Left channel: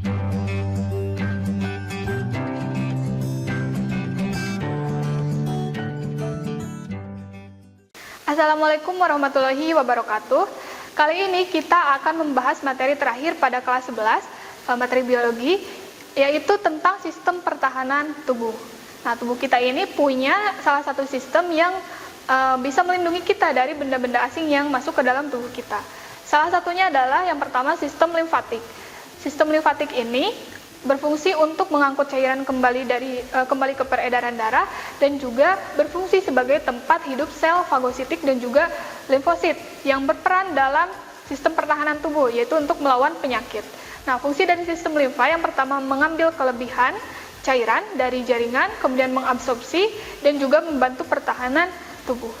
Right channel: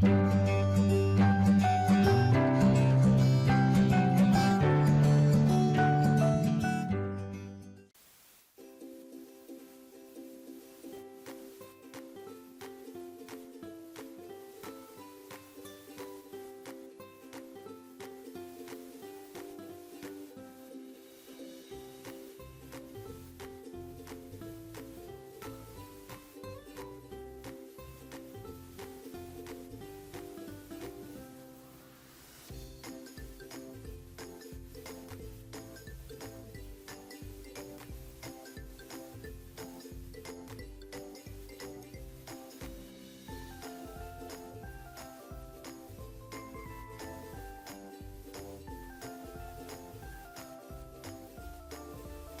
Assalamualaikum warahmatullahi wabarakatuh. Kali ini kita akan membahas materi terakhir pada kelas 11, materi biologi, yaitu tentang sistem pertahanan tubuh. Nah, tubuh kita ini punya salah satu sistem yang bisa melindungi kita dari benda-benda asing yang masuk ke dalam tubuh kita. Salah satunya adalah yang pertama sistem limfatik. Sistem limfatik ini berfungsi untuk mengangkut cairan kembali ke peredaran darah dan juga berfungsi sebagai tempat hidup sel fagositik dan juga limfosit yang berperan dalam sistem pertahanan tubuh, yaitu untuk melawan penyakit. Nah, fungsi dari sistem limfa yang pertama mengambil kelebihan cairan dari jaringan, kemudian mengabsorpsi dan juga membantu pertahanan tubuh.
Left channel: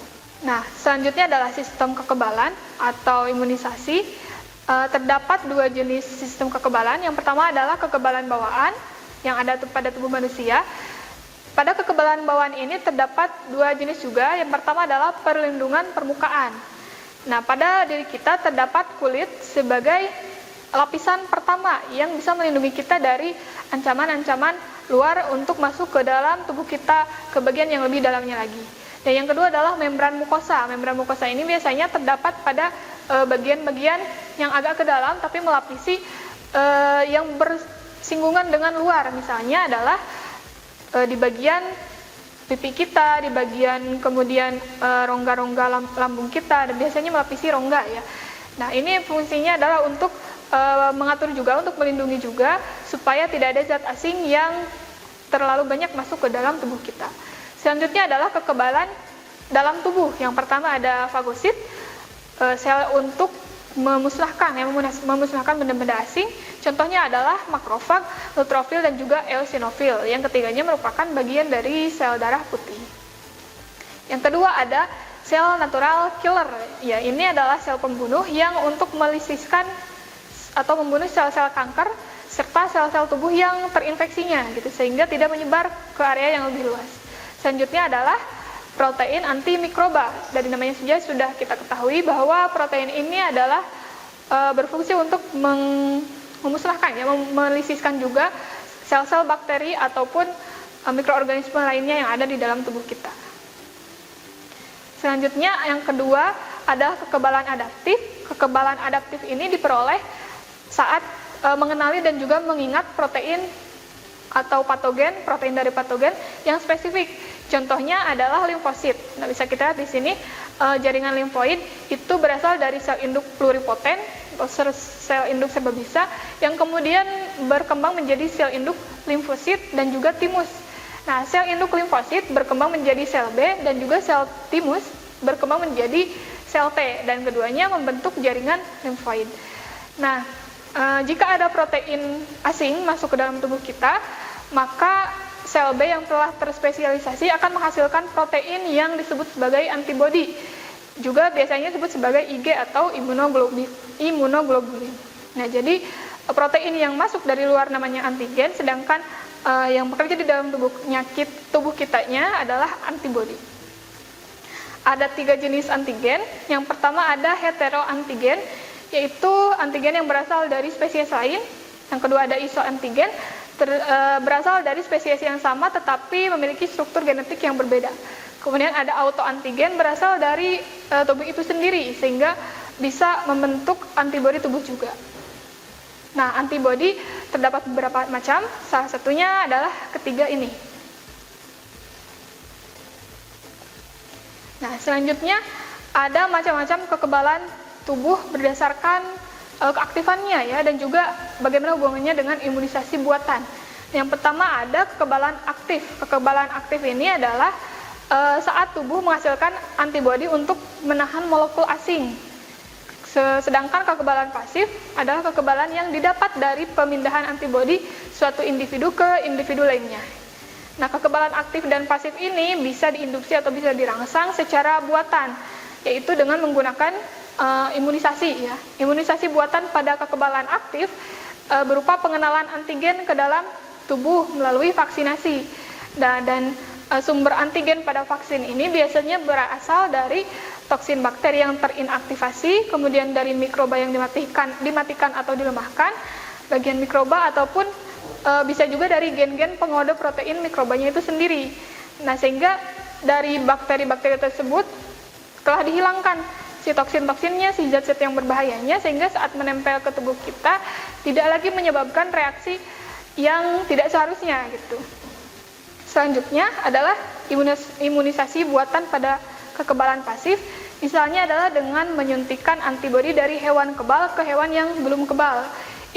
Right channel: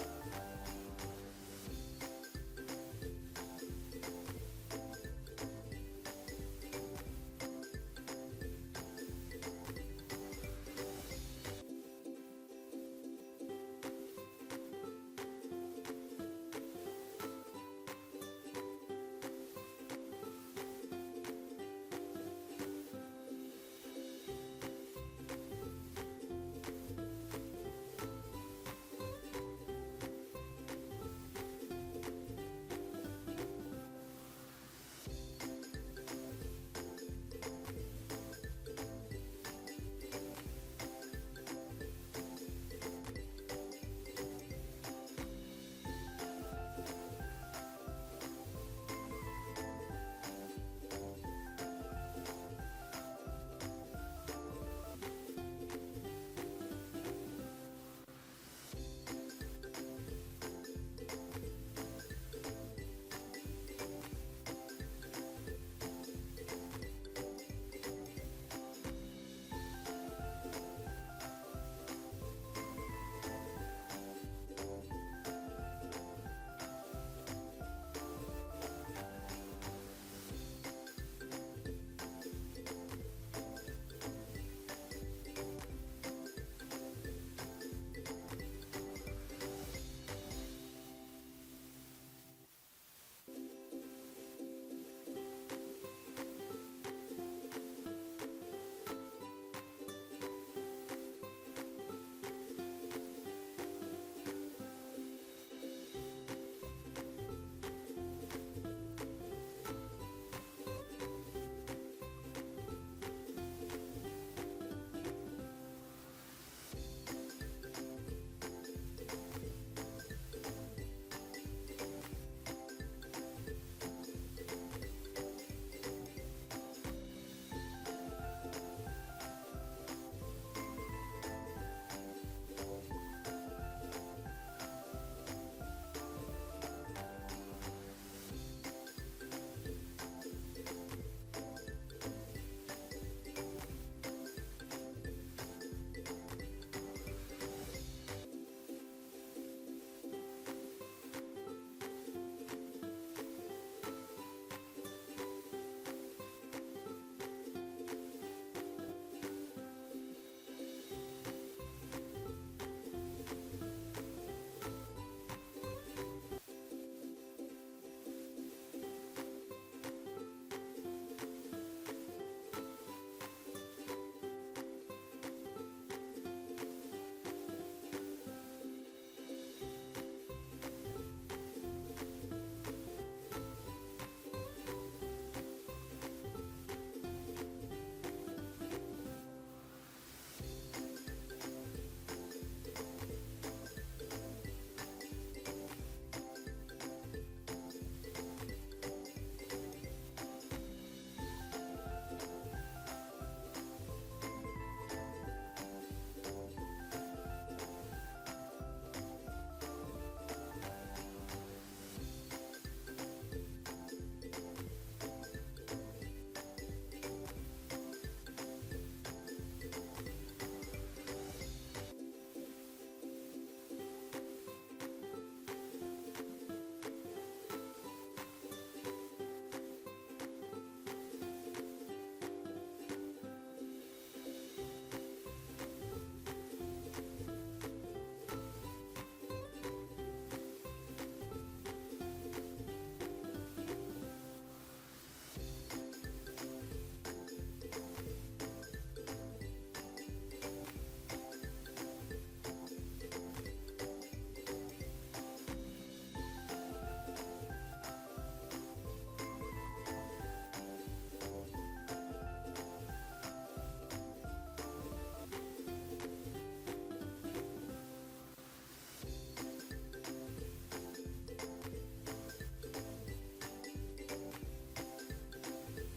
Nah, selanjutnya adalah sistem kekebalan atau imunisasi. Terdapat dua jenis sistem kekebalan. Yang pertama adalah kekebalan bawaan yang ada pada tubuh manusia. Pada kekebalan bawaan ini terdapat dua jenis juga. Yang pertama adalah perlindungan permukaan. Nah, pada diri kita terdapat kulit sebagai lapisan pertama yang bisa melindungi kita dari ancaman-ancaman luar untuk masuk ke dalam tubuh kita ke bagian yang lebih dalamnya lagi. Dan yang kedua adalah membran mukosa. Membran mukosa ini biasanya terdapat pada bagian-bagian yang agak ke dalam tapi melapisi yang bersinggungan dengan luar. Misalnya adalah di bagian pipi kita, di bagian kemudian rongga-rongga lambung kita, dan biasanya melapisi rongga ya. Nah, ini fungsinya adalah untuk mengatur juga, untuk melindungi juga supaya tidak ada zat asing yang terlalu banyak masuk ke dalam tubuh kita. Selanjutnya adalah kekebalan dalam tubuh. Yang pertama ada fagosit, sel untuk memusnahkan benda-benda asing. Contohnya adalah makrofag, neutrofil dan juga eosinofil. Yang ketiganya merupakan bagian dari sel darah putih. Yang kedua ada sel natural killer. Ya, ini adalah sel pembunuh yang untuk melisiskan atau membunuh sel-sel kanker serta sel-sel tubuh yang terinfeksinya gitu, sehingga tidak menyebar ke area yang lebih luas. Selanjutnya adalah protein antimikroba. Dari namanya saja sudah kita ketahui bahwa protein ini adalah berfungsi untuk memusnahkan, ya, melisiskan juga sel-sel bakteri ataupun mikroorganisme lainnya yang ada di dalam tubuh kita. Selanjutnya yang kedua adalah kekebalan adaptif. Kekebalan adaptif ini diperoleh saat mengenali dan juga mengingat protein atau patogen, protein dari patogen yang spesifik. Contohnya adalah limfosit. Nah, bisa kita lihat di sini jaringan limfoid itu berasal dari sel induk pluripoten atau sel induk sebabisa yang kemudian berkembang menjadi sel induk limfosit dan juga timus. Nah, sel induk limfosit berkembang menjadi sel B dan juga sel timus berkembang menjadi sel T, dan keduanya membentuk jaringan limfoid. Nah, jika ada protein asing masuk ke dalam tubuh kita, maka sel B yang telah terspesialisasi akan menghasilkan protein yang disebut sebagai antibodi. Juga biasanya disebut sebagai Ig atau imunoglobulin. Nah, jadi protein yang masuk dari luar namanya antigen, sedangkan yang bekerja di dalam tubuh kitanya adalah antibodi. Ada 3 jenis antigen. Yang pertama ada heteroantigen, yaitu antigen yang berasal dari spesies lain. Yang kedua ada isoantigen, berasal dari spesies yang sama tetapi memiliki struktur genetik yang berbeda. Kemudian ada autoantigen, berasal dari tubuh itu sendiri sehingga bisa membentuk antibodi tubuh juga. Nah, antibodi terdapat beberapa macam, salah satunya adalah ketiga ini. Nah, selanjutnya ada macam-macam kekebalan tubuh berdasarkan keaktifannya, ya, dan juga bagaimana hubungannya dengan imunisasi buatan. Yang pertama ada kekebalan aktif. Kekebalan aktif ini adalah saat tubuh menghasilkan antibodi untuk menahan molekul asing. Sedangkan kekebalan pasif adalah kekebalan yang didapat dari pemindahan antibodi suatu individu ke individu lainnya. Nah, kekebalan aktif dan pasif ini bisa diinduksi atau bisa dirangsang secara buatan, yaitu dengan menggunakan imunisasi, ya. Imunisasi buatan pada kekebalan aktif berupa pengenalan antigen ke dalam tubuh melalui vaksinasi. Dan sumber antigen pada vaksin ini biasanya berasal dari toksin bakteri yang terinaktivasi, kemudian dari mikroba yang dimatikan atau dilemahkan, bagian mikroba ataupun bisa juga dari gen-gen pengode protein mikrobanya itu sendiri. Nah, sehingga dari bakteri-bakteri tersebut telah dihilangkan si toksin-toksinnya, si zat-zat yang berbahayanya, sehingga saat menempel ke tubuh kita tidak lagi menyebabkan reaksi yang tidak seharusnya gitu. Selanjutnya adalah imunisasi buatan pada kekebalan pasif. Misalnya adalah dengan menyuntikkan antibodi dari hewan kebal ke hewan yang belum kebal.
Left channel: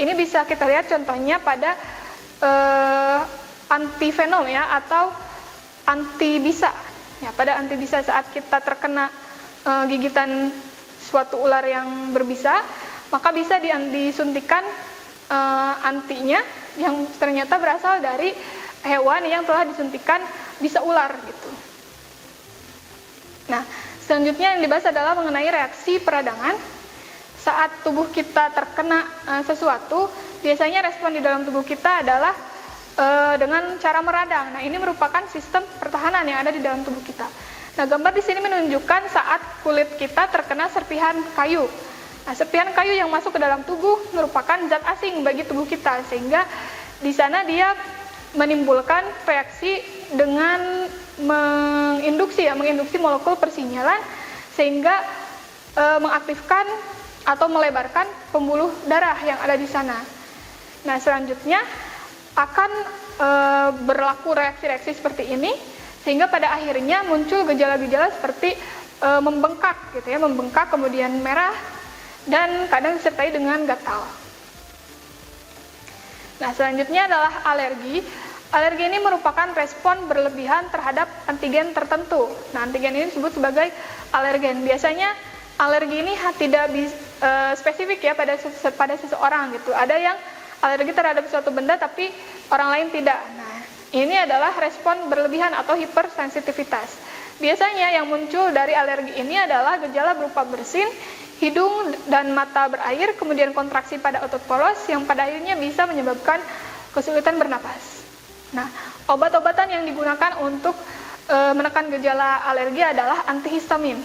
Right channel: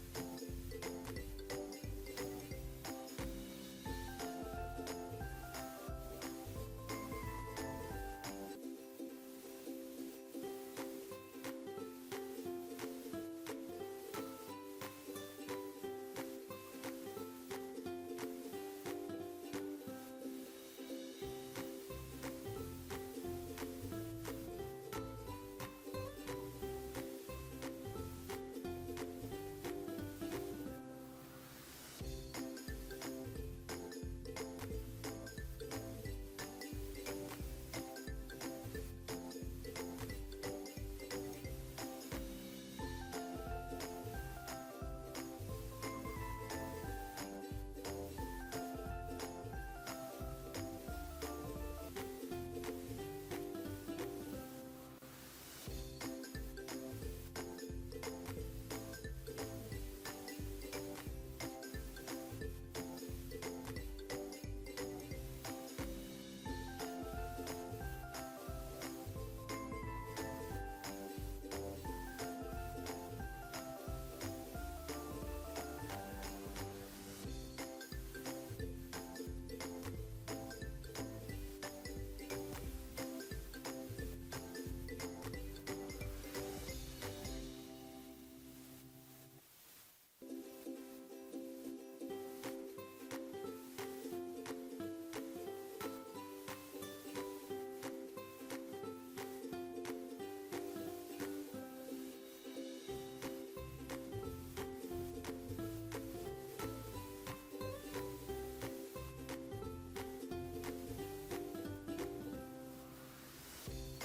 Ini bisa kita lihat contohnya pada antivenom ya, atau antibisa. Ya, pada antibisa saat kita terkena gigitan suatu ular yang berbisa, maka bisa disuntikan antinya yang ternyata berasal dari hewan yang telah disuntikan bisa ular gitu. Nah, selanjutnya yang dibahas adalah mengenai reaksi peradangan. Saat tubuh kita terkena sesuatu, biasanya respon di dalam tubuh kita adalah dengan cara meradang. Nah, ini merupakan sistem pertahanan yang ada di dalam tubuh kita. Nah, gambar di sini menunjukkan saat kulit kita terkena serpihan kayu. Nah, serpihan kayu yang masuk ke dalam tubuh merupakan zat asing bagi tubuh kita, sehingga di sana dia menimbulkan reaksi dengan menginduksi molekul persinyalan, sehingga mengaktifkan atau melebarkan pembuluh darah yang ada di sana. Nah, selanjutnya akan berlaku reaksi-reaksi seperti ini, sehingga pada akhirnya muncul gejala-gejala seperti membengkak gitu ya, membengkak kemudian merah dan kadang disertai dengan gatal. Nah, selanjutnya adalah alergi. Alergi ini merupakan respon berlebihan terhadap antigen tertentu. Nah, antigen ini disebut sebagai alergen. Biasanya alergi ini tidak spesifik ya pada seseorang gitu. Ada yang alergi terhadap suatu benda tapi orang lain tidak. Nah, ini adalah respon berlebihan atau hipersensitivitas. Biasanya yang muncul dari alergi ini adalah gejala berupa bersin, hidung dan mata berair, kemudian kontraksi pada otot poros yang pada akhirnya bisa menyebabkan kesulitan bernapas. Nah, obat-obatan yang digunakan untuk menekan gejala alergi adalah antihistamin.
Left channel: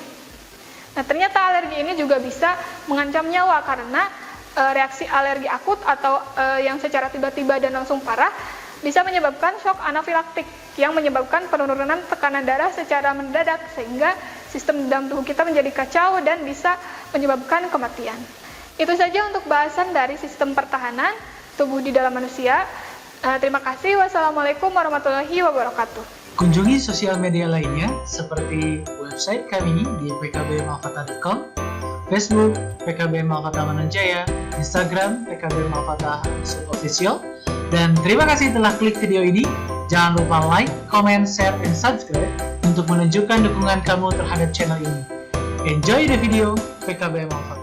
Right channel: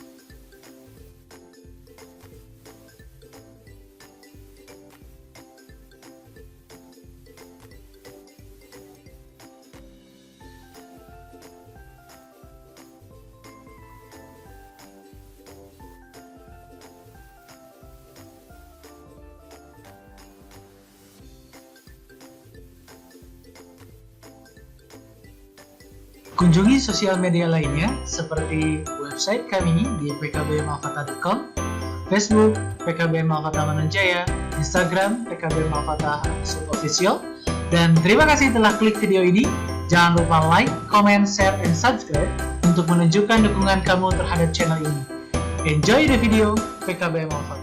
Nah, ternyata alergi ini juga bisa mengancam nyawa karena reaksi alergi akut atau yang secara tiba-tiba dan langsung parah bisa menyebabkan shock anafilaktik yang menyebabkan penurunan tekanan darah secara mendadak, sehingga sistem dalam tubuh kita menjadi kacau dan bisa menyebabkan kematian. Itu saja untuk bahasan dari sistem pertahanan tubuh di dalam manusia. Terima kasih. Wassalamualaikum warahmatullahi wabarakatuh. Kunjungi sosial media lainnya seperti website kami di pkbmalfata.com, Facebook PKB Malfata Mananjaya, Instagram PKB Malfata _official. Dan terima kasih telah klik video ini. Jangan lupa like, comment, share, and subscribe untuk menunjukkan dukungan kamu terhadap channel ini. Enjoy the video, PKB Malfata.